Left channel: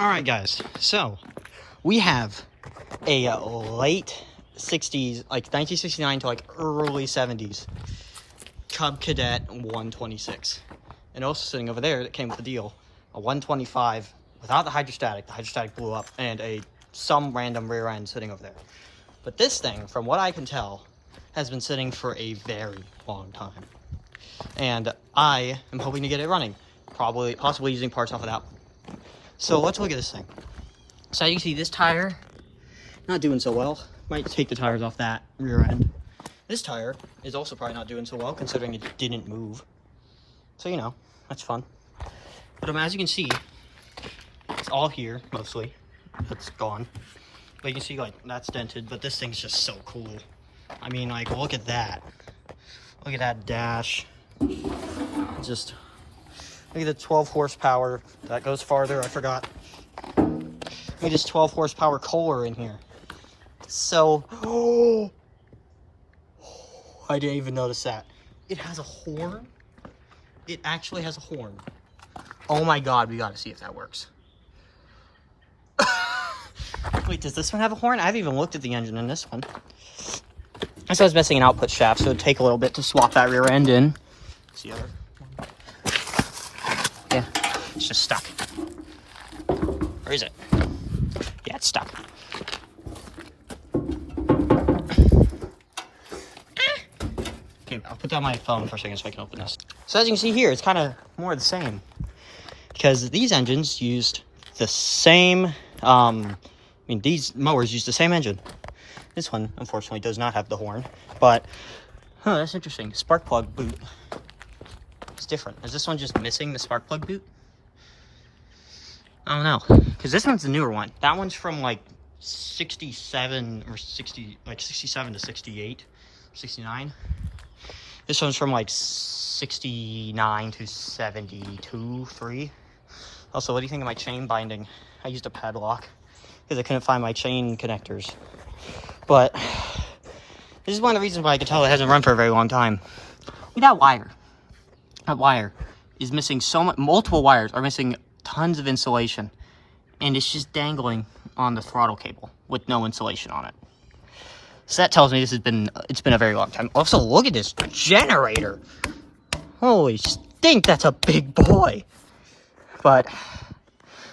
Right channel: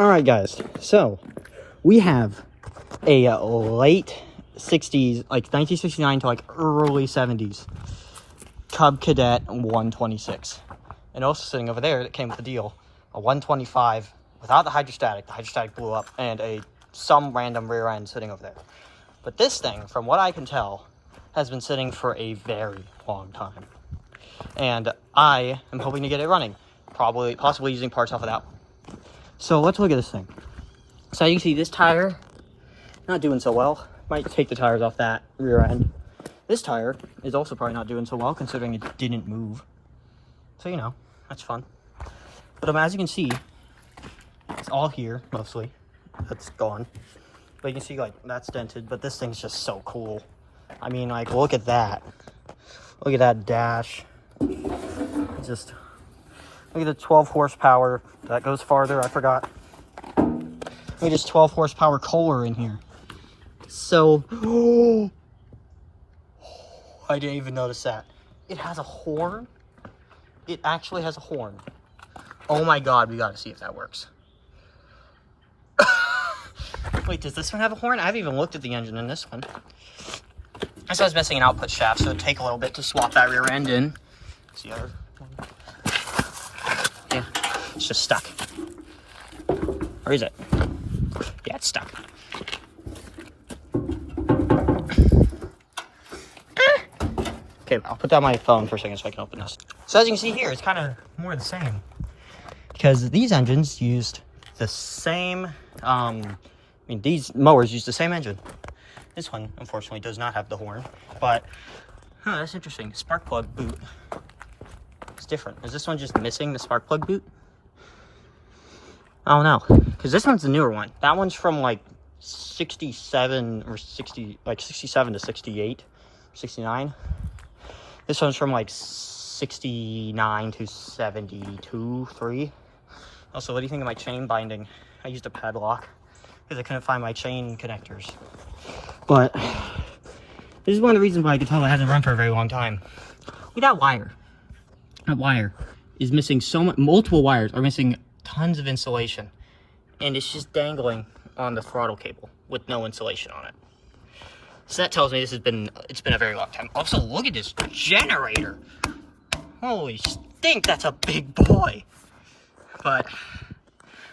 Alright guys, so we have a late 60s, like 1969 to like early 70s Cub Cadet 126. And also sitting over there that came with the deal, a 125 without the hydrostatic. The hydrostatic blew up, and some random rear end sitting over there. But this thing, from what I can tell, has been sitting for a very long time. And I am hoping to get it running, possibly using parts off of that one. So let's look at this thing. So you can see this tire, not doing so well. Might take the tires off that rear end. This tire is also probably not doing so well, considering it didn't move. So, you know, that's fun. But as you can see, it's all here, mostly. That's gone. But you can see, like, that's dented, but this thing's just so cool. I mean, like, look at that. Look at that dash. Just, look at the 12 horsepower. That goes farther, I forgot. Look at this 12 horsepower Kohler in here. So, oh, I didn't even notice that. It has a horn. It actually has a horn. Oh my god, we gotta see if that works. Wait, does this one have a horn? I haven't even looked at the engine in this one. I said I was missing an output shaft, so it'd take a little bit to swap that rear end in. See the other one? Yeah, it's just stuck. Where is it? Yeah, it's stuck. Okay, I'll put down my phone for a second so I can open this. So as you can see here, it's kind of more the same. Because these engines used the same, these mowers used the same engine. This one, unfortunately, does not have the horn. But, oh, that's interesting. Spark plug boot. It's different. Is this one just missing the spark plug boot? I don't know. Because this one's the newer one. That one's from, like, 67 or 60, like 67 to 68, 69. This one's from, like, 69 to 72, 3. Also, what do you think of my chain binding? I used a padlock because I couldn't find my chain connectors. But this is one of the reasons why I could tell it hasn't run for a very long time. Look at that wire. That wire is missing so much. Multiple wires are missing tons of insulation. And it's just dangling on the throttle cable with no insulation on it. So that tells me it's been a very long time. Also, look at this generator. Holy stink, that's a big boy. But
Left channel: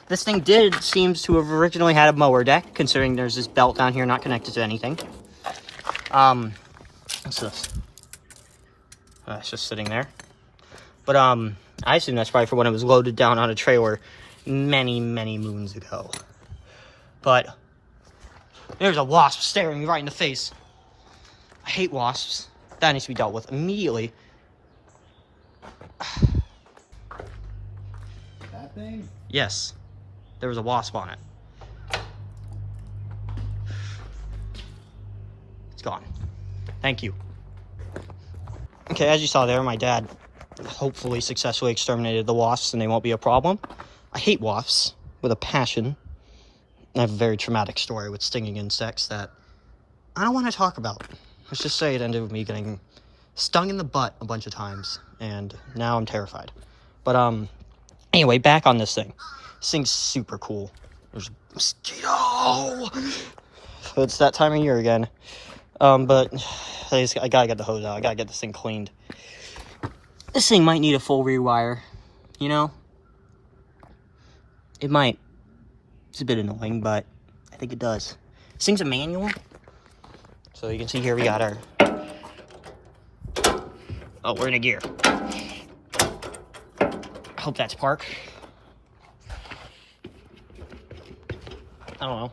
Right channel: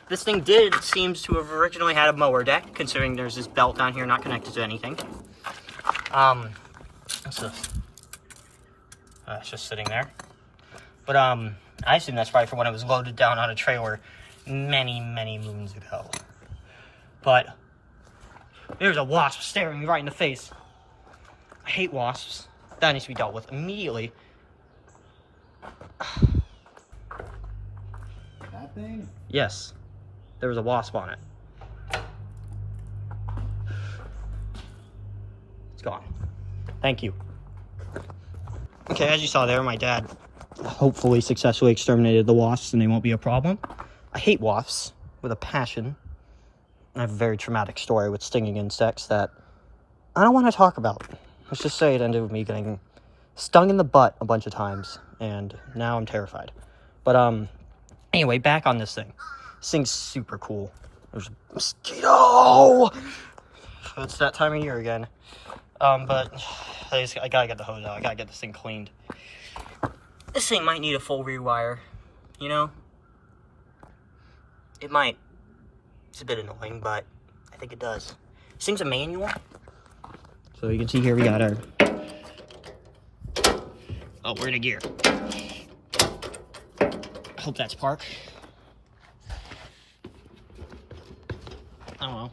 this thing seems to have originally had a mower deck, considering there's this belt down here not connected to anything. What's this? It's just sitting there. But I assume that's probably for when it was loaded down on a trailer many, many moons ago. But there's a wasp staring me right in the face. I hate wasps. That needs to be dealt with immediately. That thing? Yes. There was a wasp on it. It's gone. Thank you. Okay, as you saw there, my dad hopefully successfully exterminated the wasps and they won't be a problem. I hate wasps with a passion. I have a very traumatic story with stinging insects that I don't want to talk about. Let's just say it ended with me getting stung in the butt a bunch of times, and now I'm terrified. But anyway, back on this thing. This thing's super cool. There's a mosquito! So it's that time of year again. But I gotta get the hose out. I gotta get this thing cleaned. This thing might need a full rewire, you know? It might. It's a bit annoying, but I think it does. This thing's a manual. So you can see here we got our... Oh, we're in a gear. I hope that's park. I don't know.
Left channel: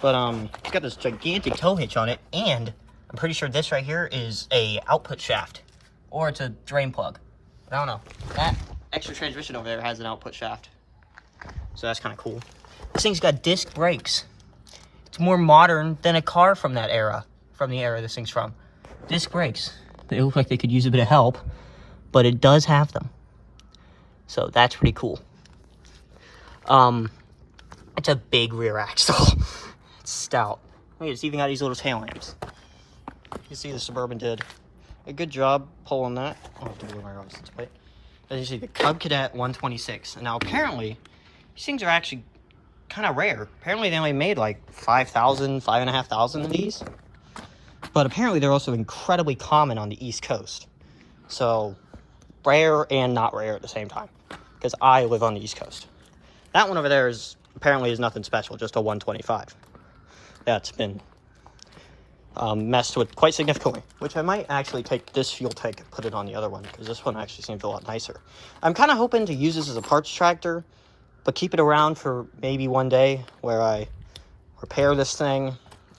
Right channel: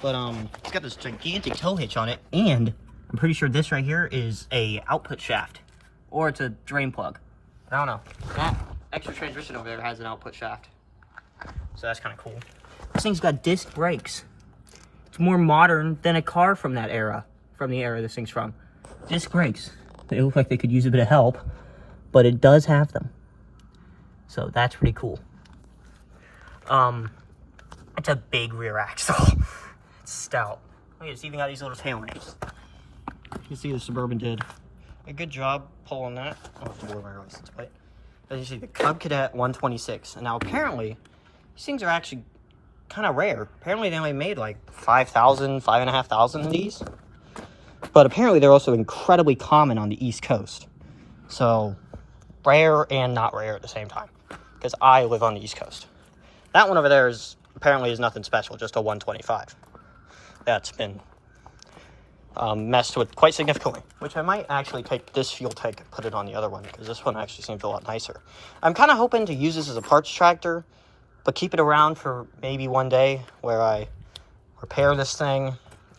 But it's got this gigantic tow hitch on it, and I'm pretty sure this right here is a output shaft. Or it's a drain plug. I don't know. That extra transmission over there has an output shaft. So that's kind of cool. This thing's got disc brakes. It's more modern than a car from that era. From the era this thing's from. Disc brakes. They look like they could use a bit of help, but it does have them. So that's pretty cool. It's a big rear axle. It's stout. Wait, it's even got these little tail lamps. You can see the Suburban did a good job pulling that. I'll have to blow my license plate. As you see, the Cub Cadet 126. And now apparently, These things are actually kind of rare. Apparently they only made like 5,000, 5,500 of these. But apparently they're also incredibly common on the East Coast. So, rare and not rare at the same time. Because I live on the East Coast. That one over there is apparently is nothing special, just a 125. That's been messed with quite significantly. Which I might actually take this fuel tank and put it on the other one, because this one actually seems a lot nicer. I'm kind of hoping to use this as a parts tractor, but keep it around for maybe one day where I repair this thing,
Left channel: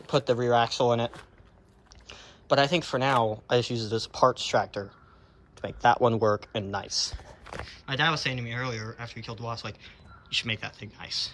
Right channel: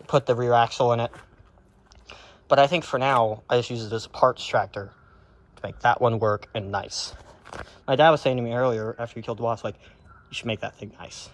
put the rear axle in it. But I think for now, I just use it as a parts tractor to make that one work and nice. My dad was saying to me earlier, after he killed the wasp, like, you should make that thing nice.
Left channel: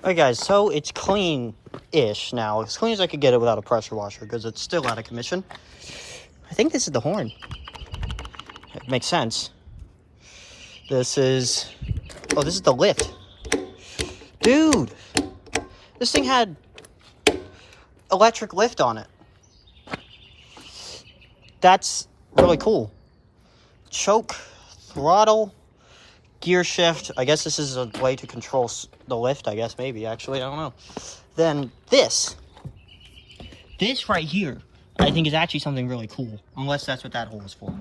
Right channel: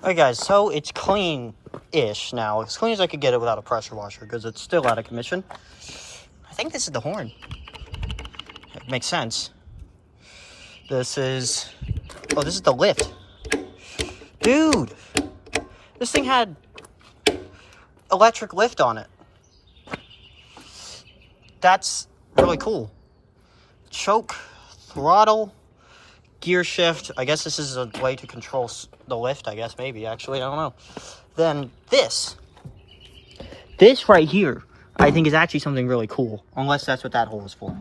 Alright guys, so it's clean-ish now. As clean as I could get it without a pressure washer, because it's still out of commission. I think this is the horn. It makes sense. This is... oh, this is the lift. Dude! This thing had electric lift on it. That's really cool. Choke, throttle, gear shift. I guess this is a way to control the lift, I guess, maybe, actually, I don't know. Then this right here, I think is actually something really cool, unless that's what that hole is for.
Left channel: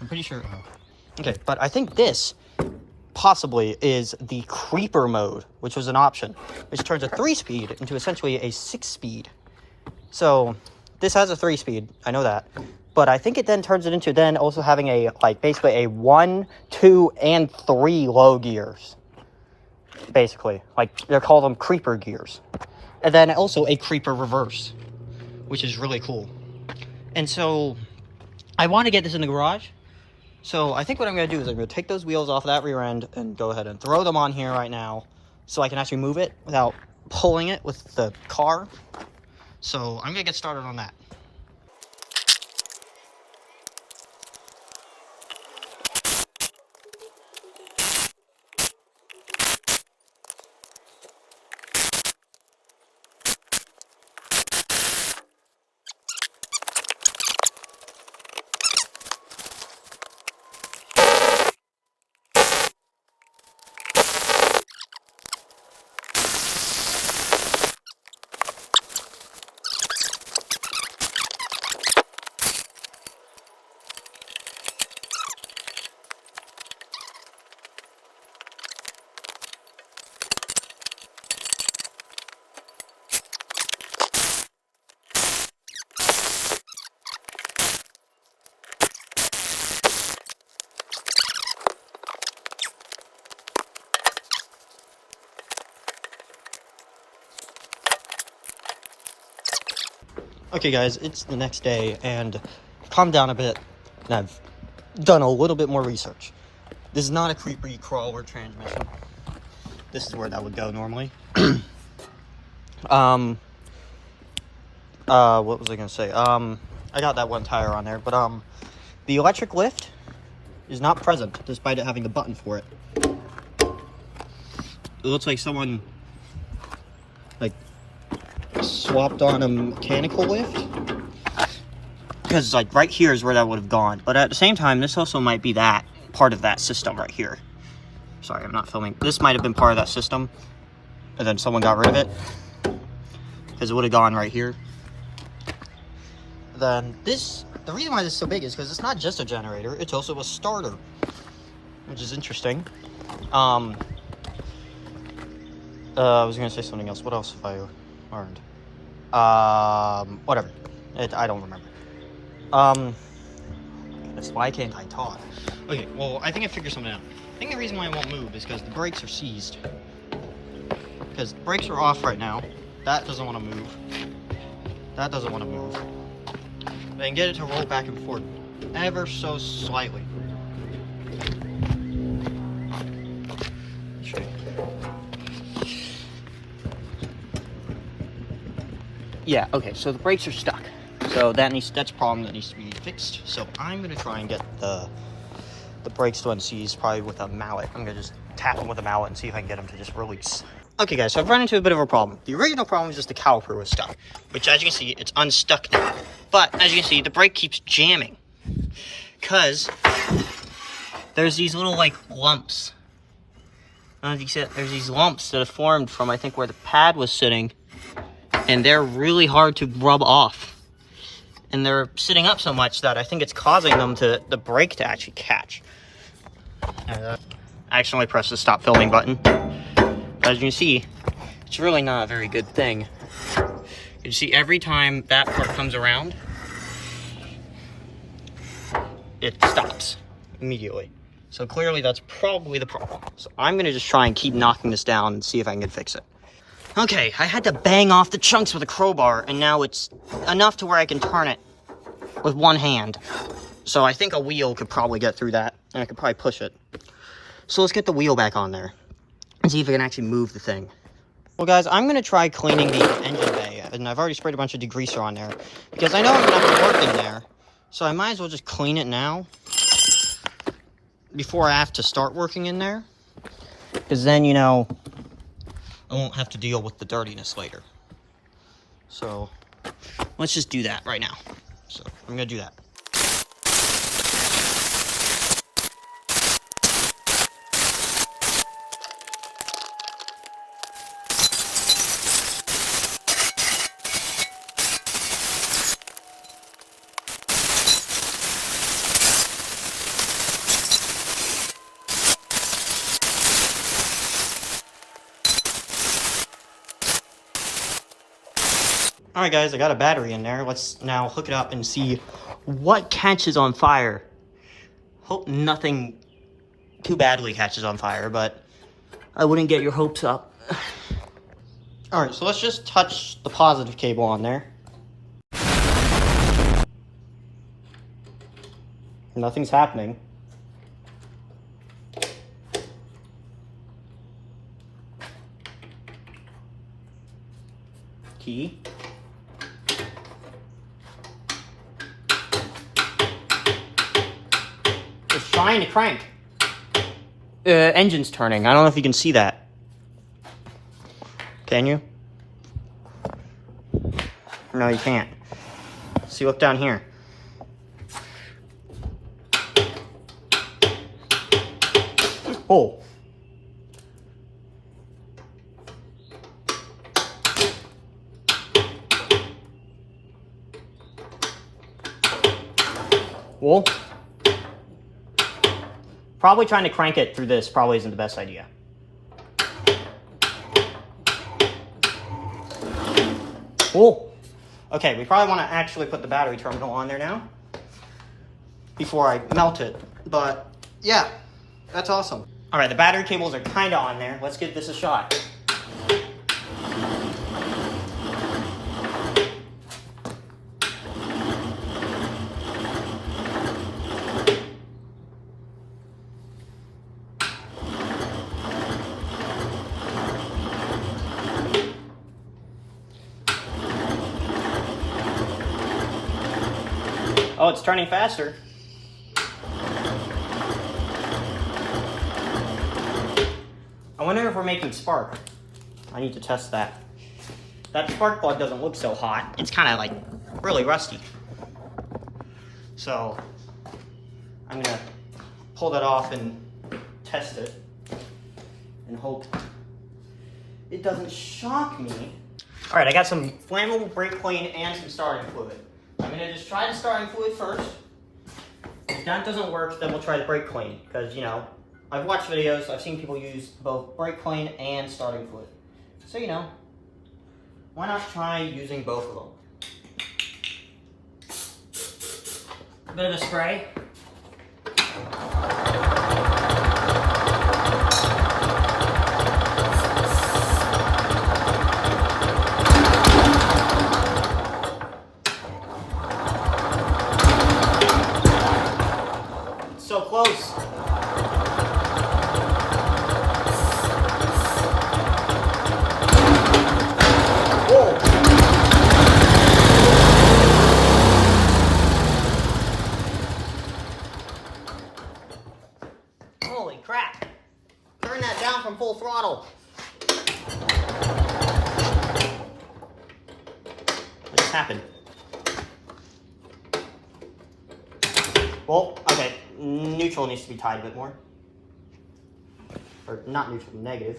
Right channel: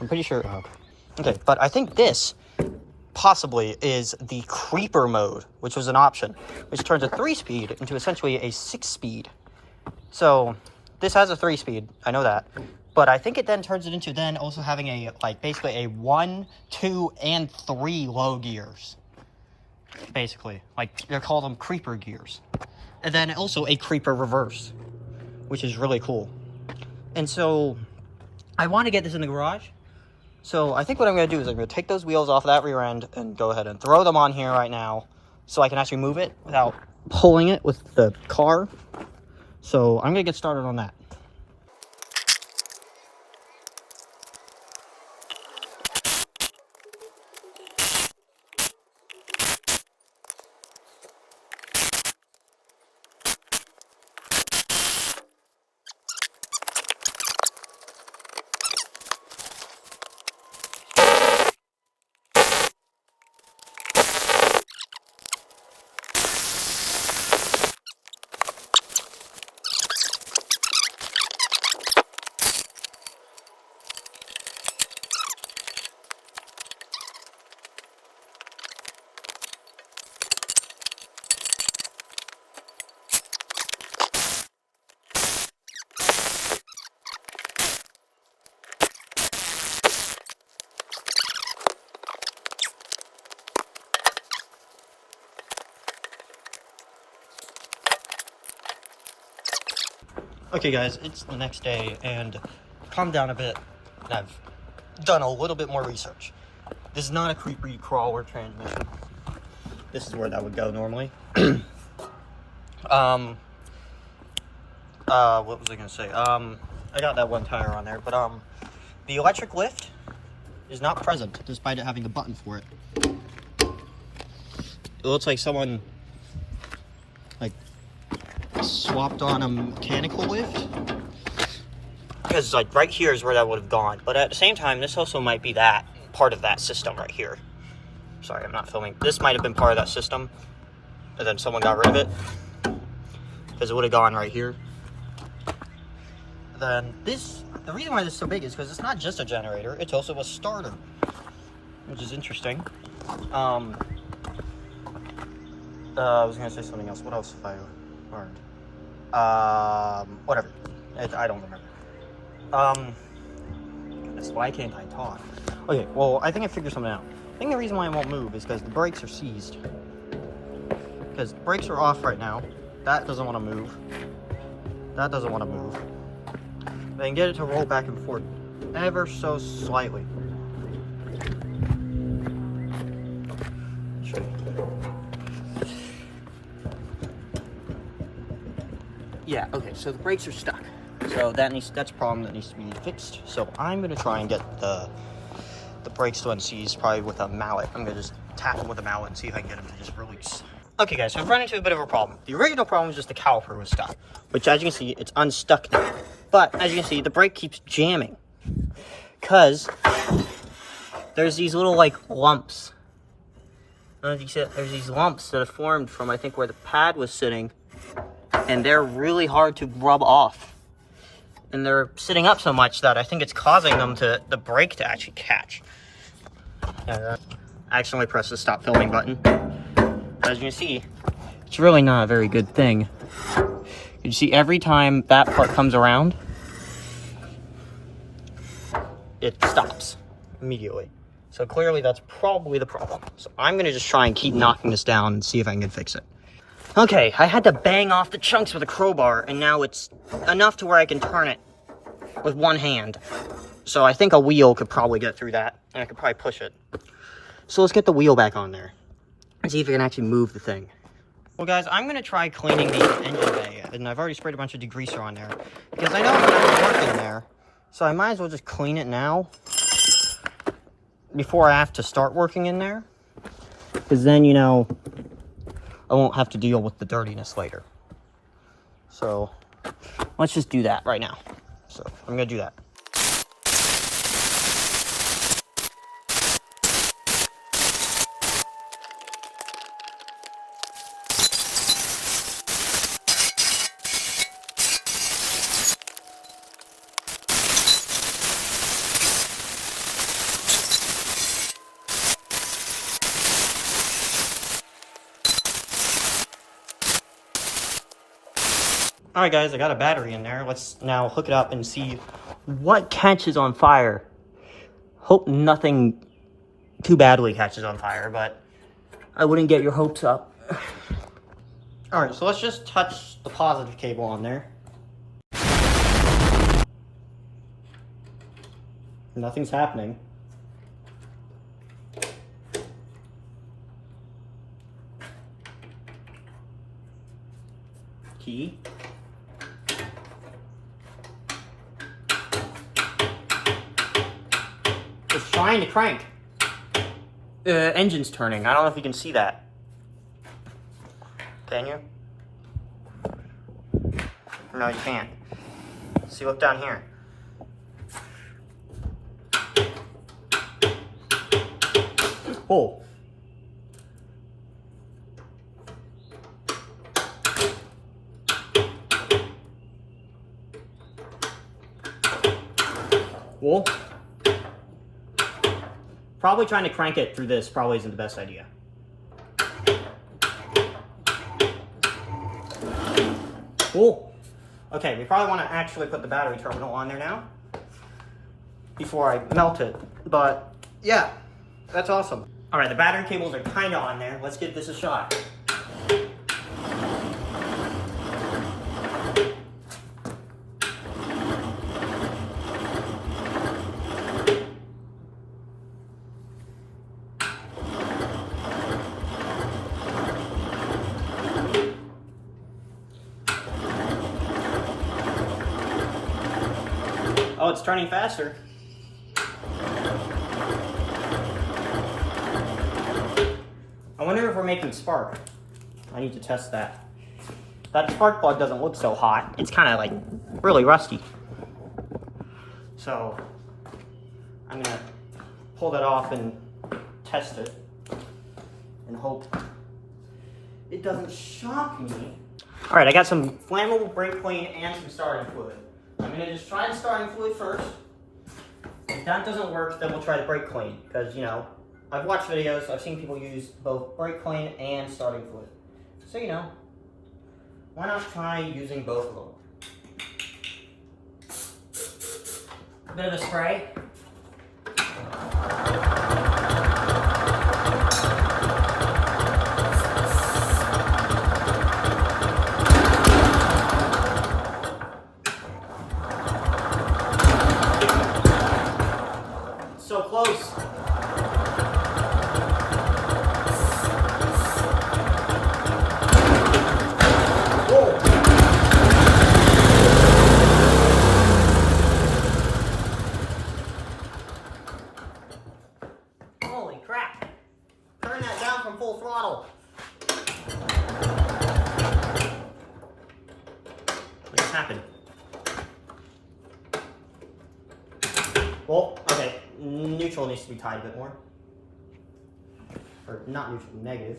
I'm pretty sure, okay, but I think this possibly is the creeper mode, which was an option, which turns a 3-speed into essentially a 6-speed. So, this has a 3-speed, I know that. But I think it then turns it into then also having a, like, basically a 1, 2, and 3 low gears. Basically. Like, they call them creeper gears. And then also a creeper reverse, which is really cool. And so, I want to get this in the garage. So, I think what I'm going to do is I'm going to take those wheels off of that rear end and go ahead and throw them on here right now so I can actually move it without pulling it with the car. So, I'm going to get started on that. Okay guys, it's the next day and calmed down a bit and I've done a little bit more research. This is not a creepy crawler transmission. This is where that would go normally. What was I gonna say? I got that one tire on there, but the electric lift is not present despite it having the button for it. It looks like someone like swapped on a mechanical lift, because like right here is where that would have gone, but at the same time this also might be that part of that system right here. Sorry, I'm not filming. This might have been part of that system and then someone got rid of it because it would have gone right here. Then this, the reason why this is so big is because it's not just a generator, it's also a starter, which is interesting. I was gonna say something else. What else have I learned? Whatever. I don't remember. Why can't I talk? Okay, well, I think I figured something out. I think the reason why it won't move is because the brakes are seized. Because the brakes are off right now. That doesn't want to move. That doesn't want to move. But I can get it to roll back and forth ever so slightly. Show you. Yeah, okay, so the brakes are stuck. So that's a problem that needs to be fixed. So I'm gonna try and get the brakes to unseize, probably with a mallet. I'm gonna just tap them with a mallet and see if I can get them to just release. Okay guys, so I've run into a bit of a problem. The original problem was just the caliper was stuck, which as you can see, it's unstuck now. But as you can see, the brake keeps jamming because there's these little like lumps. I don't know if you see it. There's these lumps that have formed from I think where the pad was sitting, and they're really hard to rub off. And they're sitting up so much that I think it's causing them to, the brake to actually catch. And I accidentally pressed the stop filming button. As you can see, it's really not a very good thing. You see, every time that part comes around, it stops immediately. So clearly that's probably the problem. So I'm gonna just try and keep knocking this down and see if I can fix it. Okay, I had to bang off the chunks with a crowbar, and now it's enough to where I can turn it with one hand. So I think a wheel could probably get through that, and I could probably push it. So let's get the wheel back on there and see if I can actually move the thing. Well guys, I'm gonna try cleaning the engine bay, and I've already sprayed a bunch of degreaser on there because I know it's not working there. So I might as well just clean it now before I have to start working in there, because then, you know, I won't have to deal with the dirtiness later. So let's just do that right now. So I'm gonna do that. Alright guys, I got a battery in there. Let's now hook it up and see what catches on fire. Hope nothing too badly catches on fire, but I wouldn't get your hopes up. Alright, so let's just touch the positive cable on there. Nothing's happening. Key. It's trying to crank. Engine's turning. I don't know if you can see that. Can you? No, you can't. See, look down here. Oh. Well, probably trying to crank it through this probably isn't the best idea. Cool. Okay, we probably want to actually put the battery terminal on there now before I melt it. But yeah, that's awesome. All right, the battery cables are kind of on there. Let's give this a shot. it's turning faster. I wonder if we're making spark. I need to test that. That spark plug doesn't look so hot. It's kind of like really rusty. So I'm gonna pull that off and test it and hope it doesn't shock me. All right, I got some flammable brake clean and some starting fluid. I'm gonna just try the starting fluid first. If that doesn't work, then we'll try the brake clean, because, you know, I've watched videos, I've seen people use both brake clean and starting fluid. So, you know, why not try using both of them? A bit of a spray. So close. Whoa. Holy crap. Turn that down from full throttle. What just happened? Well, okay. Neutral needs to be tied a bit more. Or not neutral, negative.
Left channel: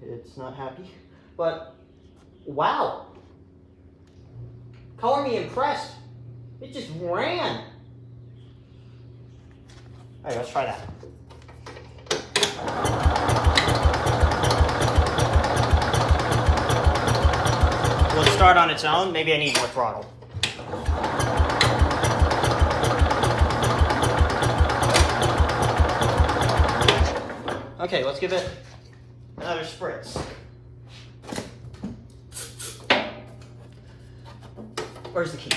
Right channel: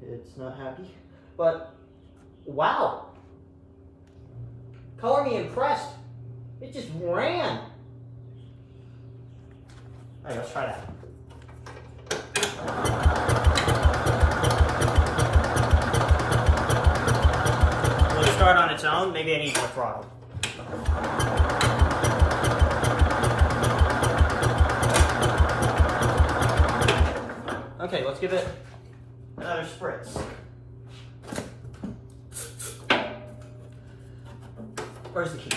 It's not happy. But, wow. Color me impressed. It just ran. Alright, let's try that. Will it start on its own? Maybe I need more throttle. Okay, let's give it another spritz. Where's the key?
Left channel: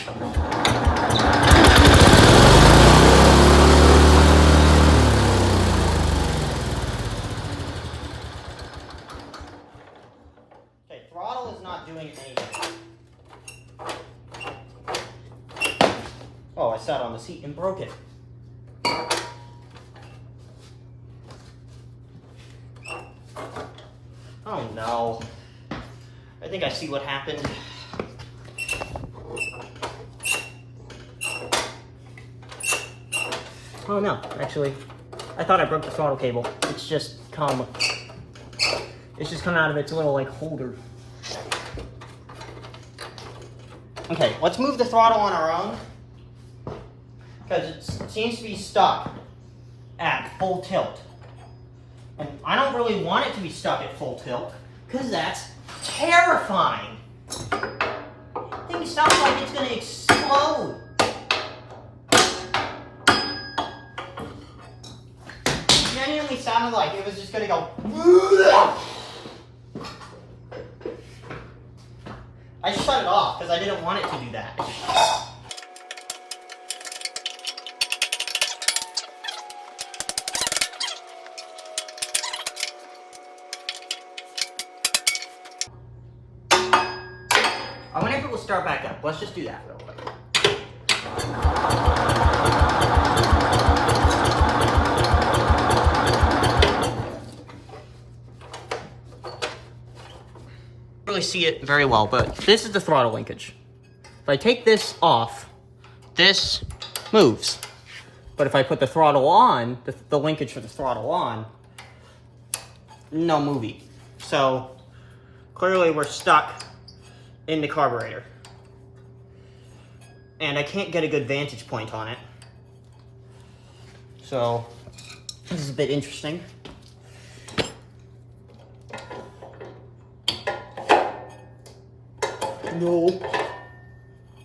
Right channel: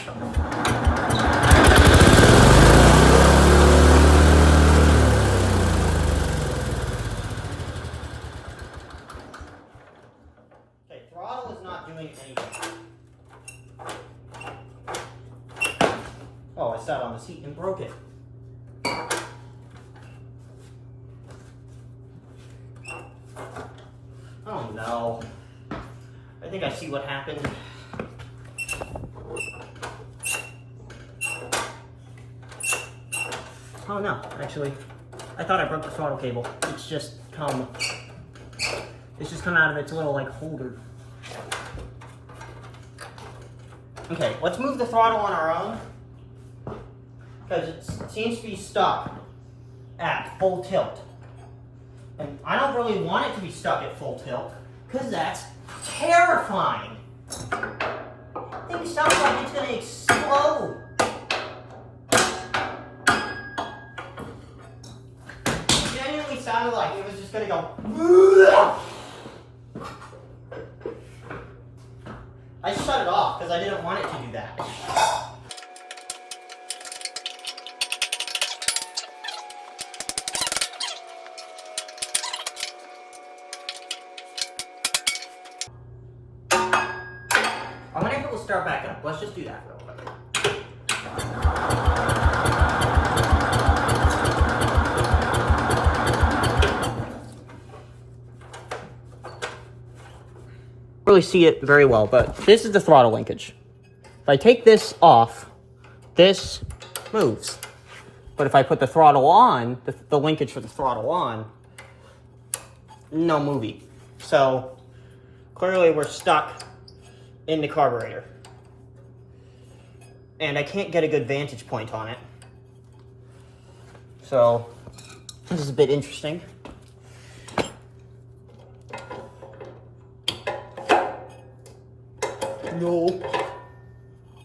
Okay, throttle is not doing anything. Oh, I sat on the seat and broke it. Oh no. I think I see what happened. Oh no, actually, I thought I broke the throttle cable. It's just come out of its little like holder. Okay, let's move the throttle on our own, because it seems to be stuck at full tilt. And I don't really want it to be stuck at full tilt, because that's terrifying. Thing sounds like it's going to explode. It genuinely sounded like it was just going to go. I shut it off because I didn't want it to do that. I wonder if it will start back up. Let's just do that real quick. Really see it very well, but this is the throttle linkage. If I take this off, this moves. But if I put the throttle on, the linkage for the throttle on, no movie. So clearly we're stuck in the carburetor. And I can't get a good vantage point on it. So this is a bit interesting. No.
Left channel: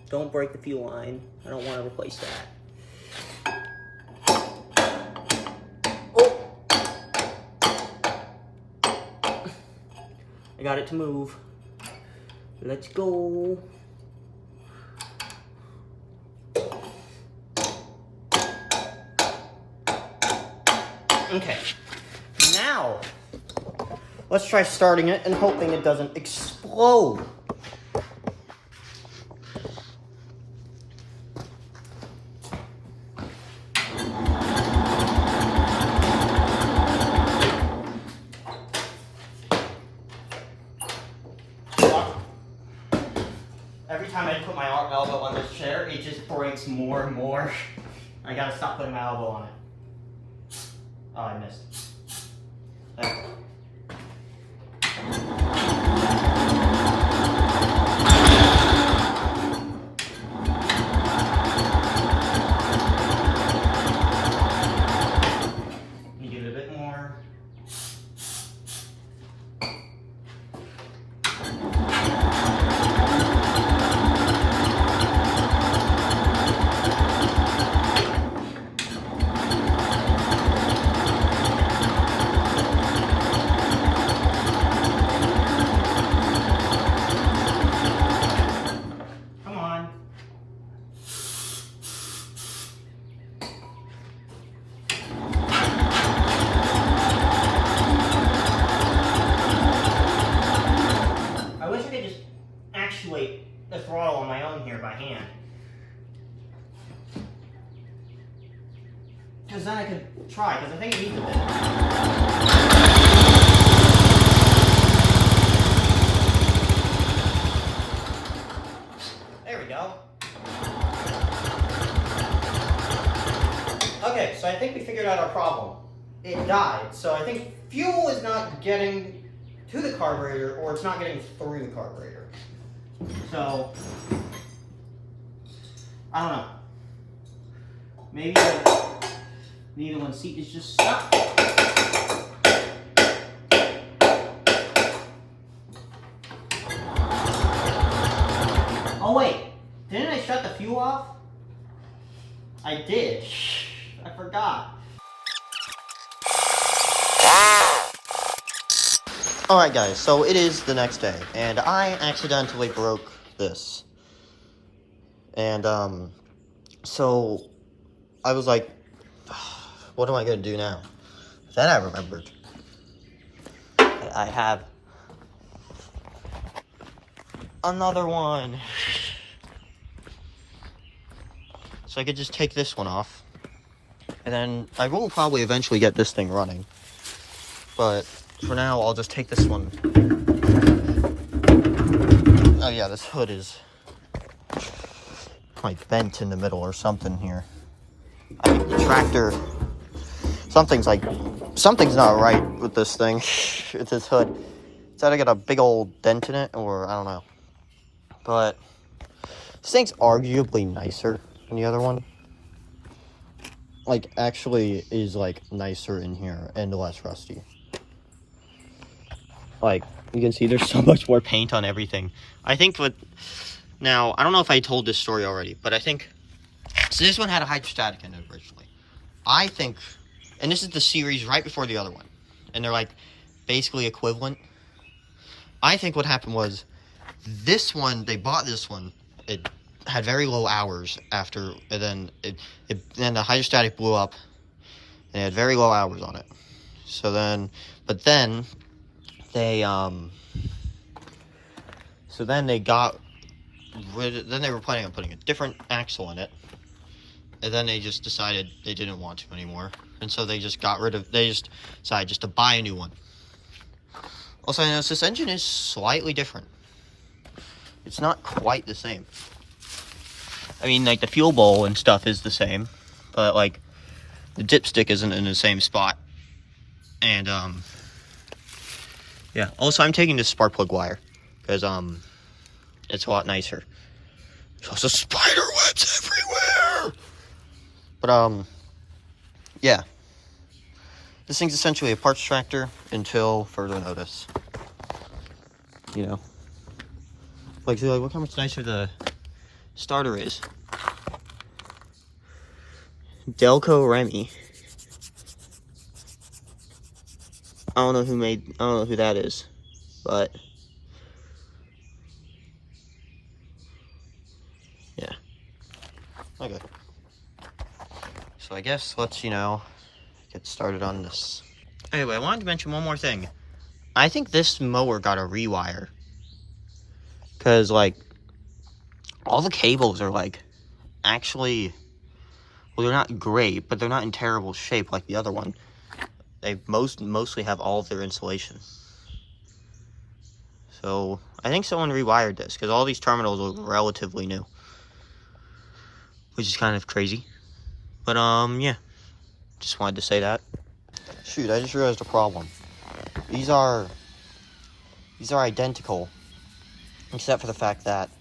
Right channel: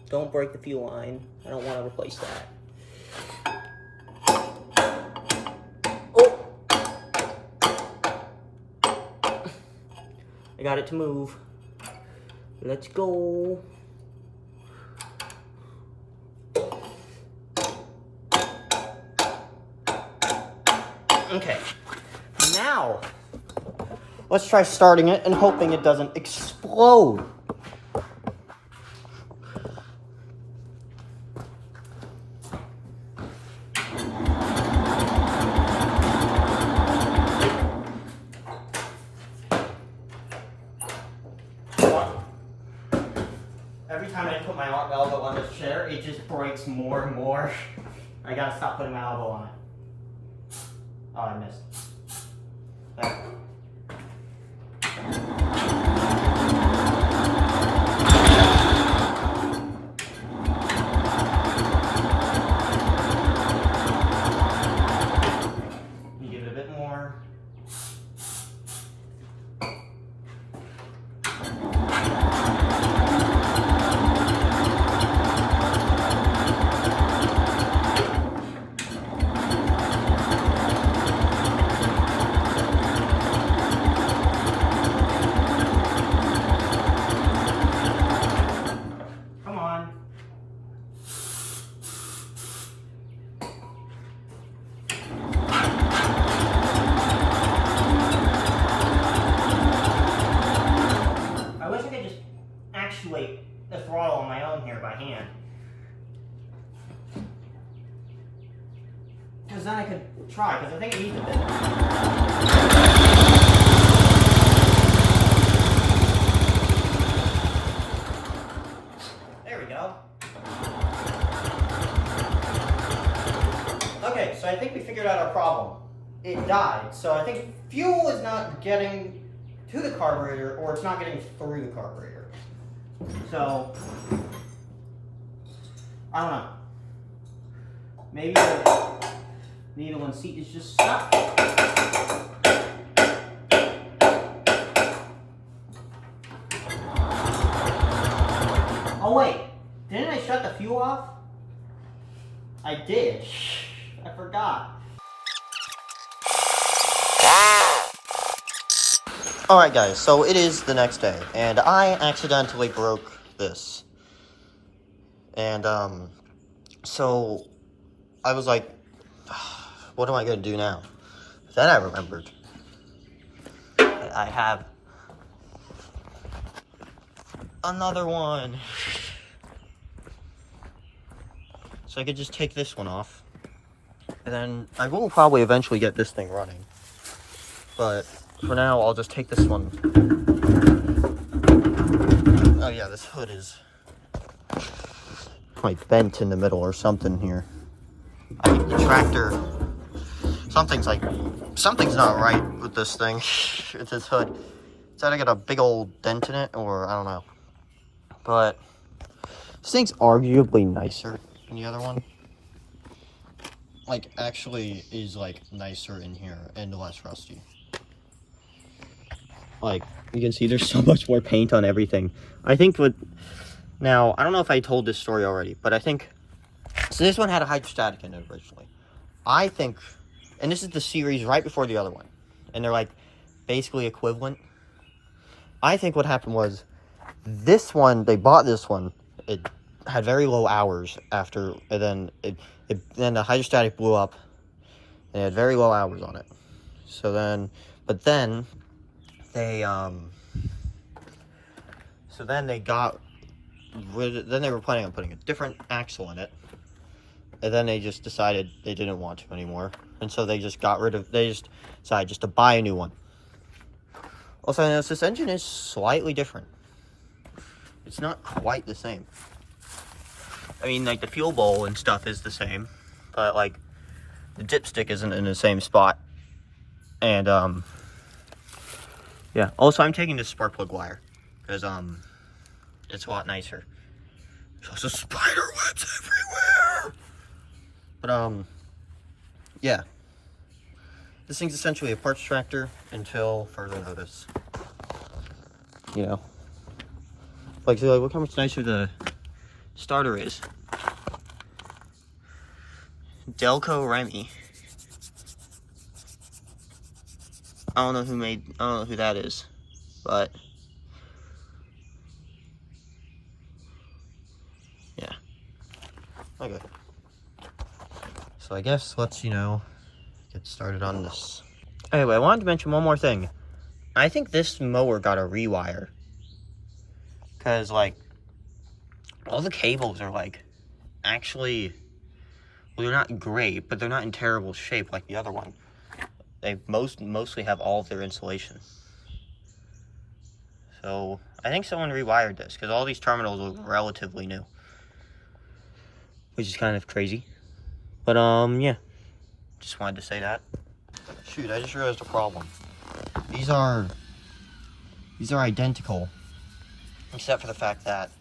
Don't break the fuel line. I don't want to replace that. Oh! I got it to move. Let's go. Okay. Now, let's try starting it and hoping it doesn't explode. Every time I put my elbow on this chair, it just breaks more and more. I gotta stop putting my elbow on it. Oh, I missed. There. You give it a bit more. The throttle on my own here by hand, because then I could try, because I think it needs a bit. There we go. Okay, so I think we figured out our problem. It died, so I think fuel is not getting to the carburetor, or it's not getting through the carburetor. So, I don't know. Maybe the needle and seat is just stuck. Oh wait, didn't I shut the fuel off? I did. I forgot. Alright guys, so it is the next day, and I accidentally broke this. And, so I was like, what am I going to do now? Then I remembered that I have another one. So I could just take this one off, and then I will probably eventually get this thing running. But for now, I'll just take this one. Oh yeah, this hood is like bent in the middle or something here. The tractor, something's not right with this thing. With this hood. It's either got a big old dent in it, or I don't know. But this thing's arguably nicer than the other one. Like, actually is like nicer in here and less rusty. Like, you can see there's so much more paint on everything. I think now, I don't know if I told this story already, but I think, so this one had a hydrostatic in it originally. I think, and this is the series right before the other one, and they're like basically equivalent. I think what happened was, this one, they bought this one, it had very low hours after, and then the hydrostatic blew up, and it had very low hours on it. So then, but then, they were planning on putting a different axle in it, and then they just decided they didn't want to anymore, and so they just decided just to buy a new one. Also, I noticed this engine is slightly different. It's not quite the same. I mean, like, the fuel bowl and stuff is the same, but like the dipstick isn't in the same spot. And yeah, also I'm taking this spark plug wire because it's a lot nicer. There's also spider webs everywhere. But yeah, this thing's essentially a parts tractor until further notice. You know, like look how much nicer the starter is. Delco Remy. I don't know who that is, but yeah. Okay. So I guess let's, get started on this. Anyway, I wanted to mention one more thing. I think this mower got a rewire. Because, like, all the cables are, like, actually, well, they're not great, but they're not in terrible shape like the other one. They mostly have all of their insulation. So I think someone rewired this because all these terminals look relatively new, which is kind of crazy. But yeah, just wanted to say that. Shoot, I just realized a problem. These are identical, except for the fact that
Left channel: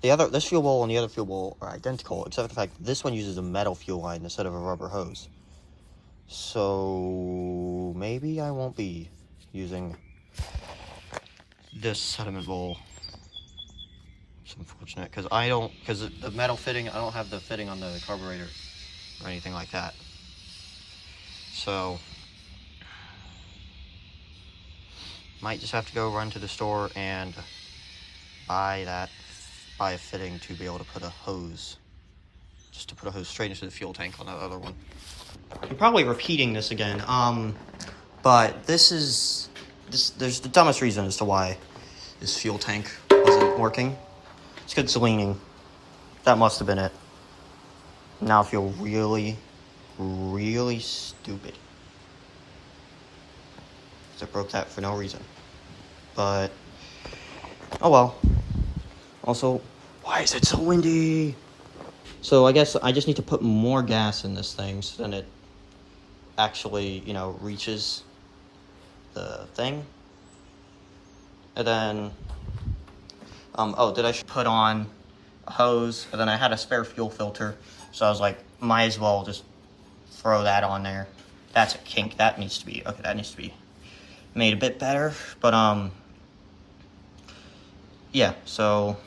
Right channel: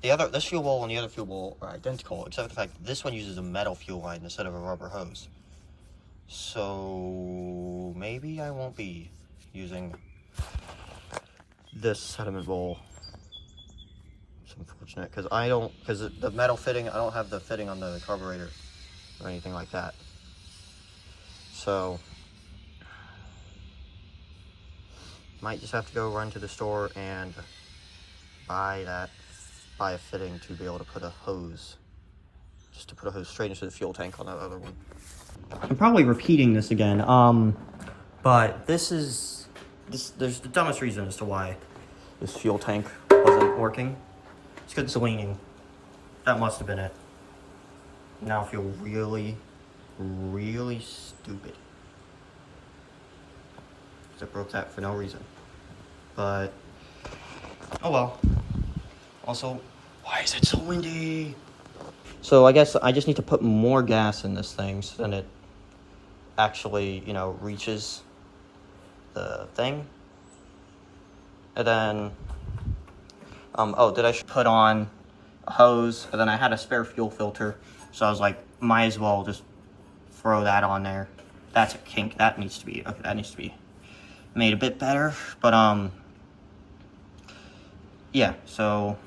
this fuel bowl and the other fuel bowl are identical, except for the fact that this one uses a metal fuel line instead of a rubber hose. So maybe I won't be using this sediment bowl. It's unfortunate because the metal fitting, I don't have the fitting on the carburetor or anything like that. So might just have to go run to the store and buy a fitting to be able to put a hose, just to put a hose straight into the fuel tank on that other one. I'm probably repeating this again, but there's the dumbest reason as to why this fuel tank wasn't working. It's because it's leaning. That must have been it. Now I feel really, really stupid. Because I broke that for no reason. But, oh well. Also, why is it so windy? So I guess I just need to put more gas in this thing so then it actually, reaches the thing. And then, I should put on a hose, and then I had a spare fuel filter, so I was like, might as well just throw that on there. That's a kink. That needs to be made a bit better. But yeah, so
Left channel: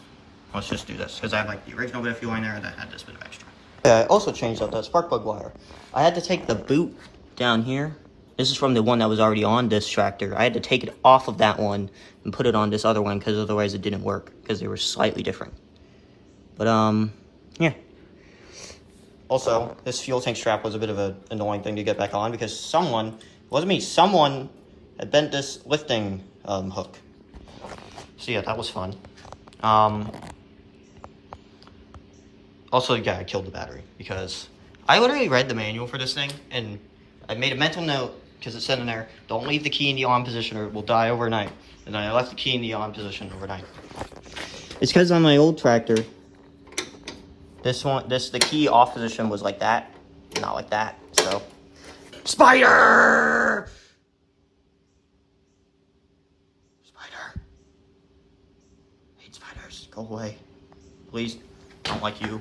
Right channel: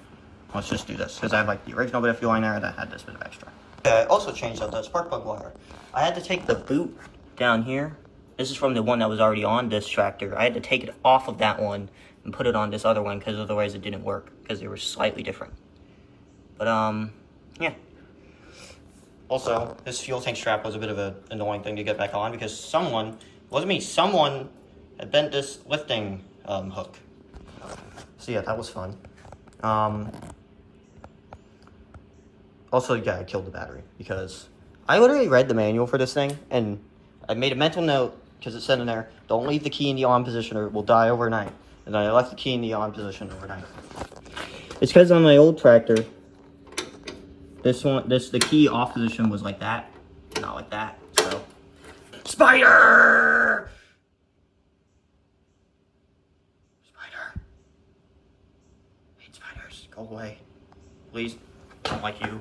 let's just do this, because I have like the original bit of fuel in there, and I had this bit of extra. Okay, I also changed out the spark plug wire. I had to take the boot down here. This is from the one that was already on this tractor. I had to take it off of that one and put it on this other one, because otherwise it didn't work, because they were slightly different. But yeah. Also, this fuel tank strap was a bit of an annoying thing to get back on, because someone had bent this lifting hook. So yeah, that was fun. Also, yeah, I killed the battery, because I literally read the manual for this thing, and I made a mental note, because it said in there, don't leave the key in the on position or it will die overnight. And then I left the key in the on position overnight. It's because on my old tractor, the key off position was like that, not like that, so. Spider! Spider. I hate spiders, go away. Please, I don't like you.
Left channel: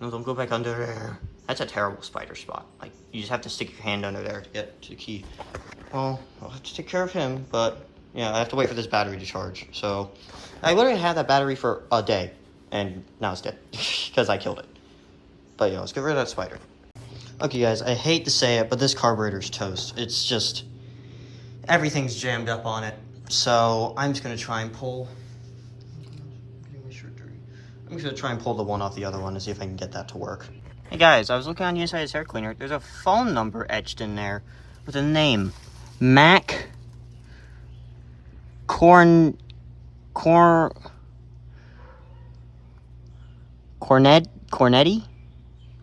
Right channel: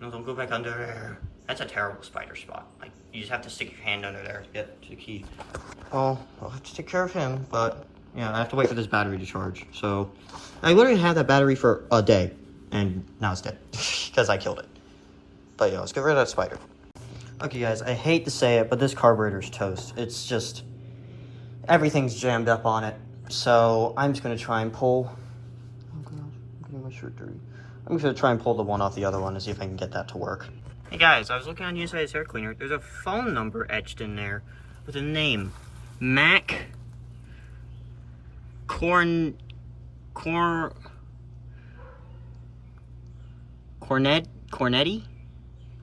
No, don't go back under there. That's a terrible spider spot. Like, you just have to stick your hand under there to get to the key. Well, I'll have to take care of him, but yeah, I have to wait for this battery to charge. So, I literally had that battery for a day, and now it's dead, because I killed it. But yeah, let's get rid of that spider. Okay guys, I hate to say it, but this carburetor's toast. It's just, everything's jammed up on it. So, I'm just gonna try and pull, I'm getting my shirt dirty. I'm just gonna try and pull the one off the other one and see if I can get that to work. Hey guys, I was looking on the inside of this air cleaner. There's a phone number etched in there with a name. Mac Cornetti?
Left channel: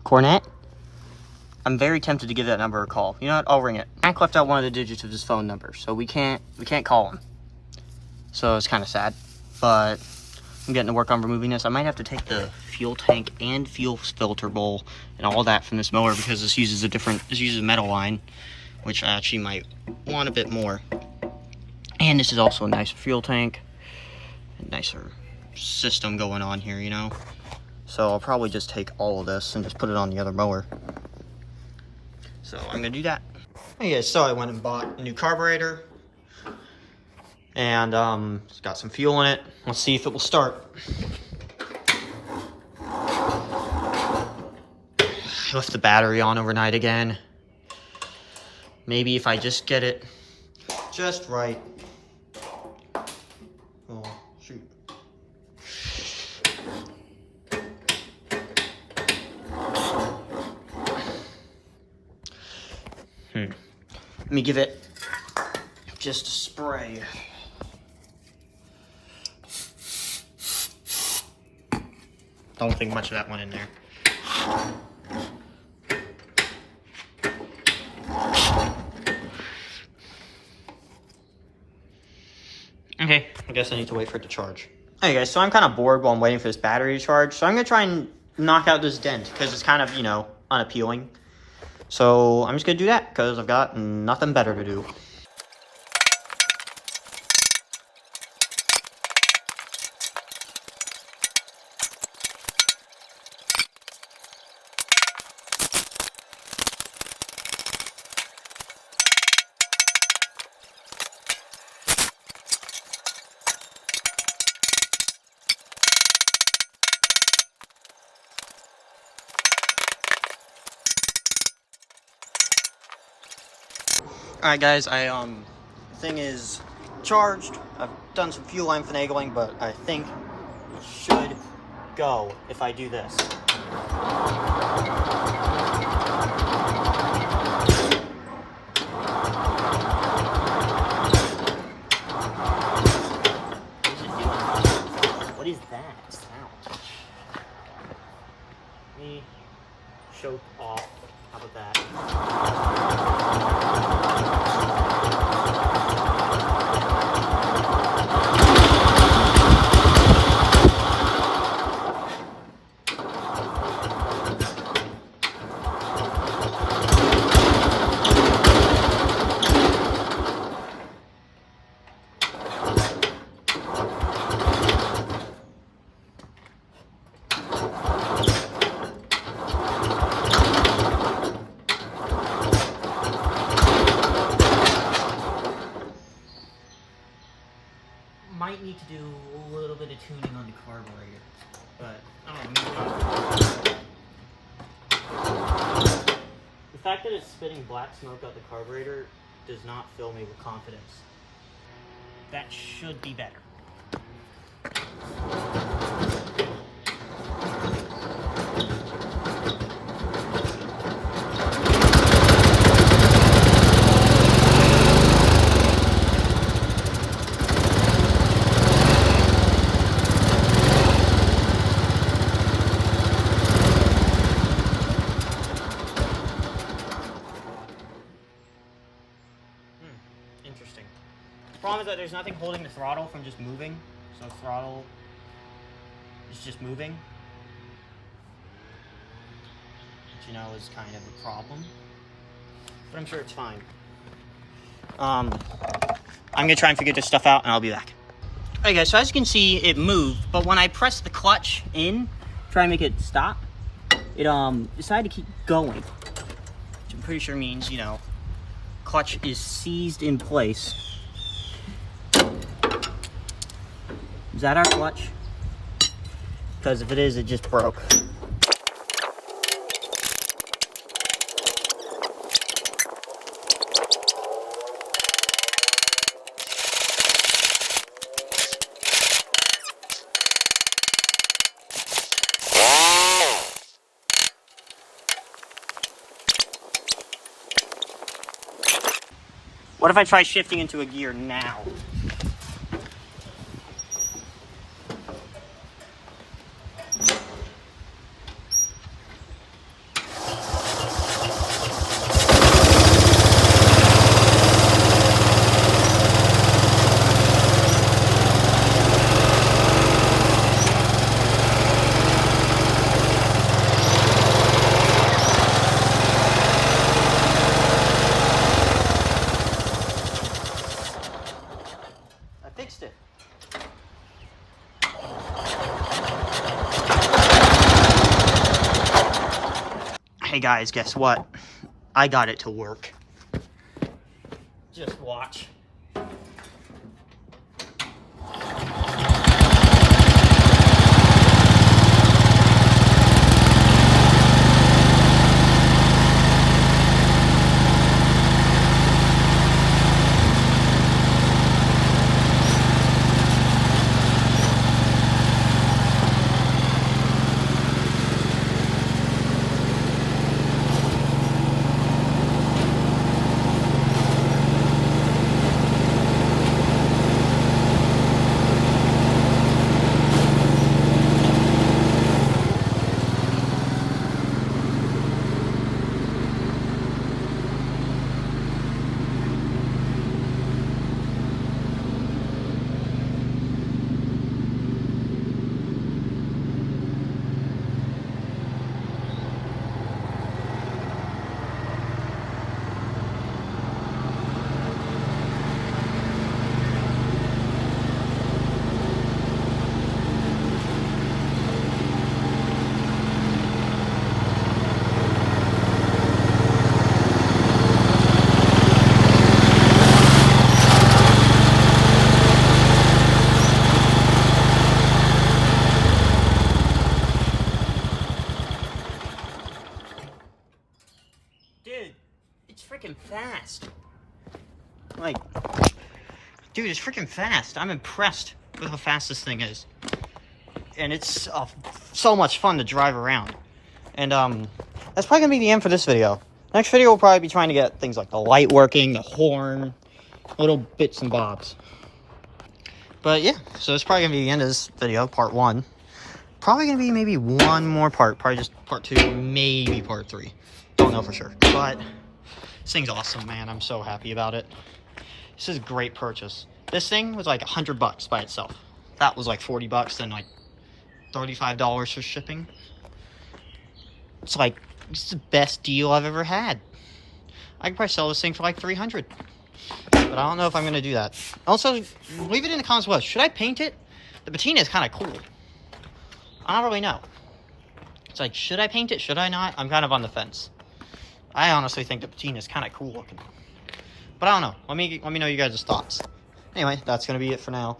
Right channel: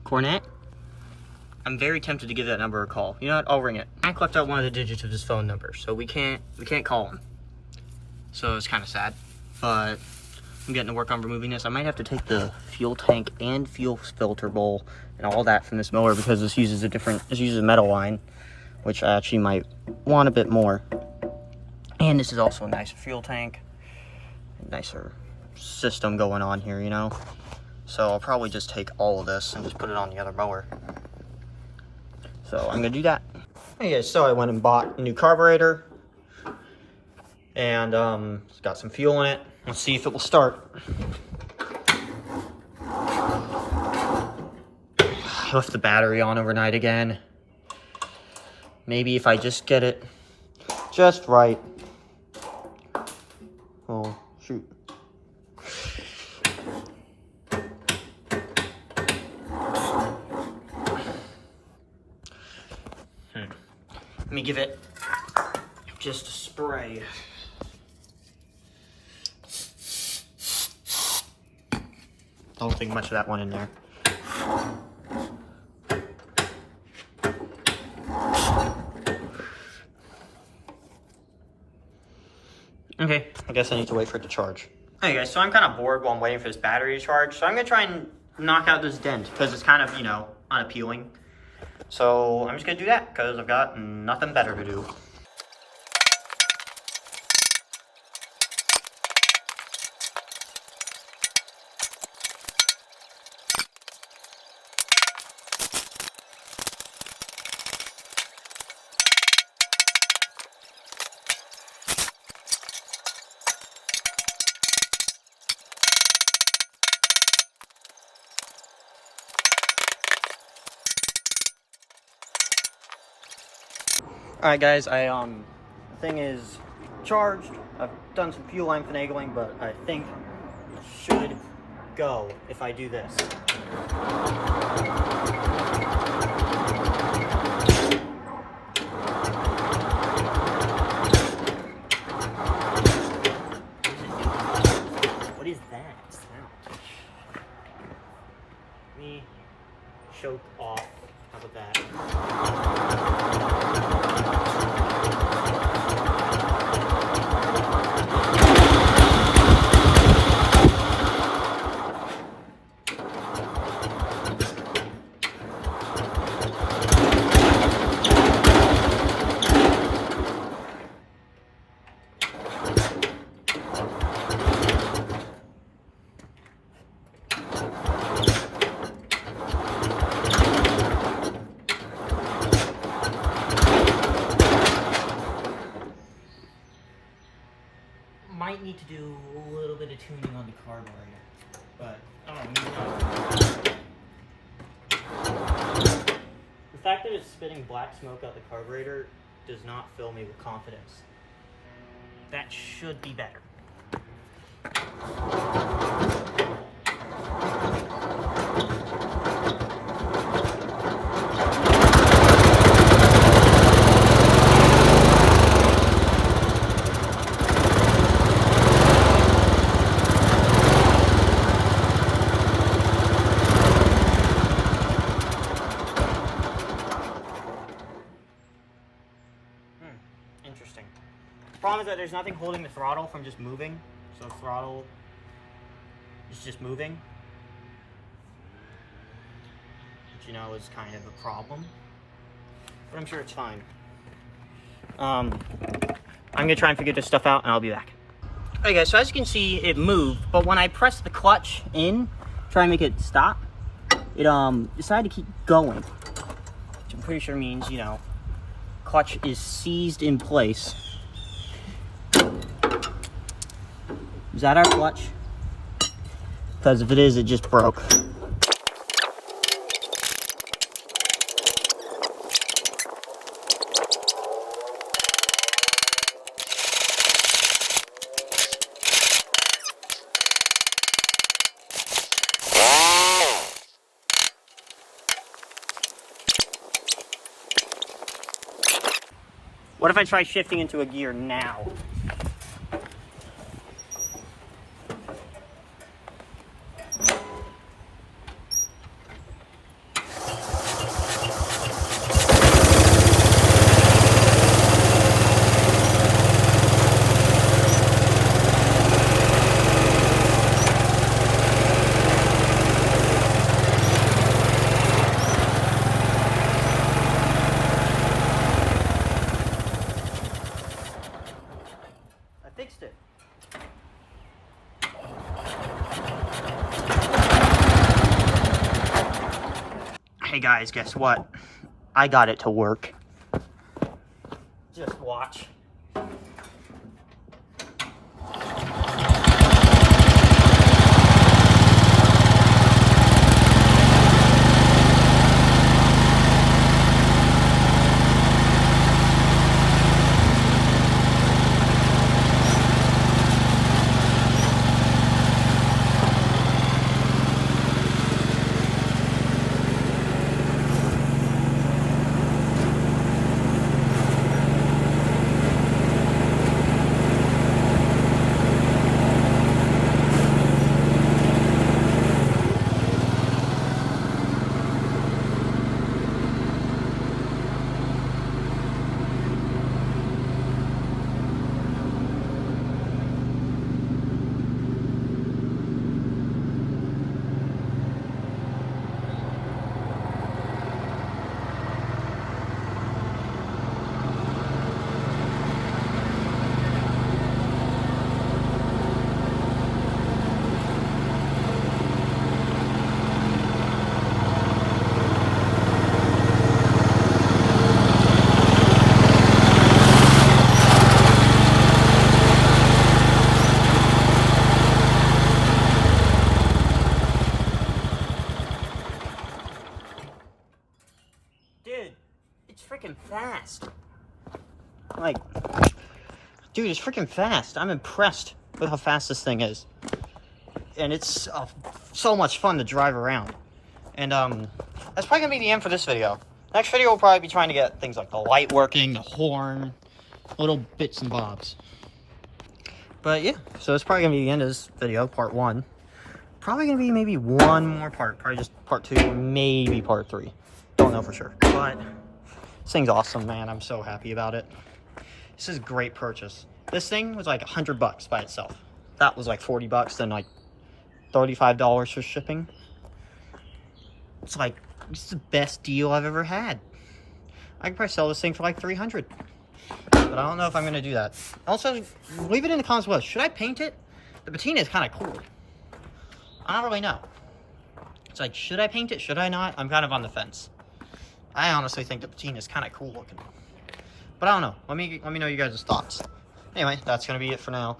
Cornet? I'm very tempted to give that number a call. You know what? I'll ring it. Mac left out one of the digits of his phone number, so we can't call him. So it's kind of sad, but I'm getting to work on removing this. I might have to take the fuel tank and fuel filter bowl and all that from this mower, because this uses a metal line, which I actually might want a bit more. And this is also a nicer fuel tank, a nicer system going on here, So I'll probably just take all of this and just put it on the other mower. So I'm gonna do that. Hey guys, so I went and bought a new carburetor, and it's got some fuel in it. Let's see if it will start. I left the battery on overnight again. Maybe if I just get it just right. Oh, shoot. Let me give it just a spray. Don't think much of that one in there. Okay, I guess I need to wait for it to charge. Hey guys, so I'm kind of bored while I'm waiting for this battery to charge, so I'm going to try and knock out this dent, because it's kind of, you know, unappealing. So I'm just going to do that, because I've got nothing better to do. Alright guys, the thing is charged. I've done some fuel line finagling, but I think it should go if I do this. What is that? Let me choke off. How about that? Might need to do a little bit of tuning on the carburetor, but I don't know, maybe not. The fact that it's spitting black smoke out the carburetor does not fill me with confidence. That should be better. Interesting. The problem is that there's nothing holding the throttle from just moving, so the throttle is just moving, which you know is kind of a problem, but I'm sure it's fine. I'm gonna try and figure this stuff out and I'll be back. Alright guys, so as you can see it moved, but when I press the clutch in, try and make it stop, it decided to keep going, which I'm pretty sure means, you know, clutch is seized in place. Is that our clutch? Because if it is, it just broke. What if I try shifting into a gear now? Fixed it. Hey guys, guess what? I got it to work. Just watch. Like, dude, it's freaking fast. I'm impressed with how fast this thing is. And it's so much fun to drive around. And that's probably gonna be the end for this video. Next video will probably be trying to get things like the light working, the horn, little bits and bobs. But yeah, so it's probably gonna be the end of this video, part 1. Probably gonna be maybe one more part, probably just part 2, maybe part 3. Don't know for sure, but this thing's awesome, man. I'm so happy about it. This is a great purchase. This thing was like $100 by itself. That was like $40 and like $35 for shipping. It's like, it's the best deal I've ever had. I could probably sell this thing for like $300. But I don't know if I'm gonna do that. Also, leave it in the comments below. Should I paint it? The patina is kind of cool. I don't really know. It's like, should I paint it? Should I not? I'm kind of on the fence. I honestly think the patina is kind of cool looking. But I don't know. Let me know you guys' thoughts. Anyway, that's gonna be it for now.